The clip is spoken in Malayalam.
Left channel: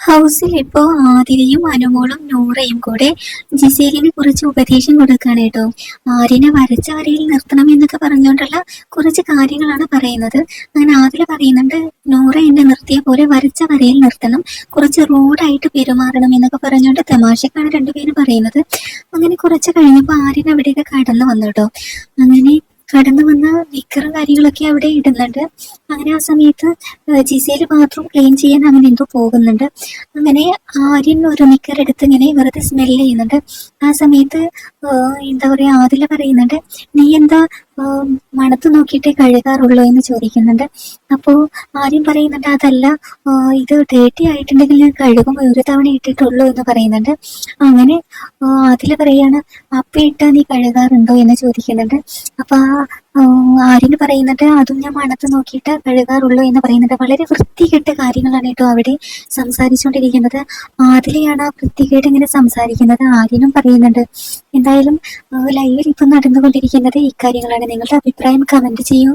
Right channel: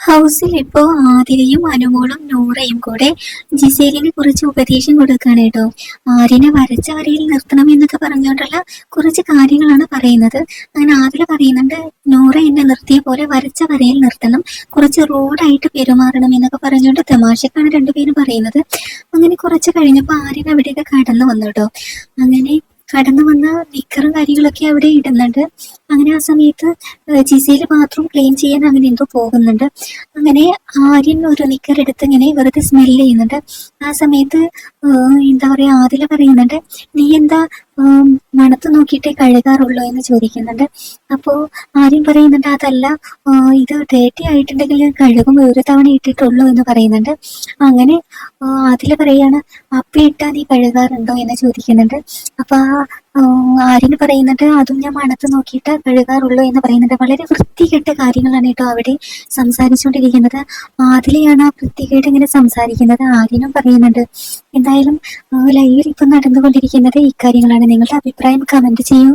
ഹൗസിൽ ഇപ്പോ ആതിരയും അനുമോളും നൂറയും കൂടെ ജിസേലിന് കുറച്ച് ഉപദേശം കൊടുക്കുകയാണ് കേട്ടോ. ആര്യനെ വരച്ച വരയിൽ നിർത്തണം എന്നൊക്കെ പറഞ്ഞുകൊണ്ടുള്ള കുറച്ച് കാര്യങ്ങളാണ് പറയുന്നത്. അങ്ങനെ ആതിര പറയുന്നുണ്ട്, നൂറ എന്നെ നിർത്തിയ പോലെ വരച്ച വരയിൽ നിർത്തണം, കുറച്ച് റോഡായിട്ട് പെരുമാറണം എന്നൊക്കെ പറഞ്ഞുകൊണ്ട് തമാശക്കാണ് രണ്ടുപേരും പറയുന്നത്. അങ്ങനെ കുറച്ച് കഴിഞ്ഞപ്പോൾ ആര്യൻ അവിടെയൊക്കെ കടന്നു വന്നു കേട്ടോ. അങ്ങനെ കടന്നു വന്ന നിക്കറും കാര്യങ്ങളൊക്കെ അവിടെ ഇടുന്നുണ്ട്. അങ്ങനെ ആ സമയത്ത് ജിസേല് ബാത്റൂം ക്ലീൻ ചെയ്യാൻ അങ്ങനെ എന്തോ പോകുന്നുണ്ട്. അങ്ങനെ ആര്യൻ ഒരു നിക്കറെടുത്ത് ഇങ്ങനെ വെറുതെ സ്മെല് ചെയ്യുന്നുണ്ട്. ആ സമയത്ത് എന്താ പറയാ, ആദില പറയുന്നുണ്ട്, നീ എന്താ മണത്ത് നോക്കിയിട്ടേ കഴുകാറുള്ളൂ എന്ന് ചോദിക്കുന്നുണ്ട്. അപ്പോ ആര്യൻ പറയുന്നുണ്ട്, അതല്ല, ഇത് ഡേറ്റി ആയിട്ടുണ്ടെങ്കിൽ ഞാൻ കഴുകുമ്പോൾ ഒരു തവണ ഇട്ടിട്ടുള്ളൂ എന്ന് പറയുന്നുണ്ട്. അങ്ങനെ ആദില പറയാണ്, അപ്പ ഇട്ടാ നീ കഴുകാറുണ്ടോ എന്ന് ചോദിക്കുന്നുണ്ട്. അപ്പൊ ആര്യന് പറയുന്നുണ്ട്, അതും ഞാൻ മണത്ത് നോക്കിയിട്ട് കഴുകാറുള്ളൂ എന്ന് പറയുന്നുണ്ട്. വളരെ വൃത്തികെട്ട കാര്യങ്ങളാണ് കേട്ടോ അവിടെ സംസാരിച്ചുകൊണ്ടിരിക്കുന്നത്. ആദിലയാണ് ആ വൃത്തികേട് ഇങ്ങനെ സംസാരിക്കുന്നത്. ആര്യനും പറയുന്നുണ്ട്. എന്തായാലും ലൈവിൽ ഇപ്പം നടന്നുകൊണ്ടിരിക്കുന്നത് ഇക്കാര്യങ്ങളാണ്. നിങ്ങളുടെ അഭിപ്രായം കമന്റ് ചെയ്യൂ.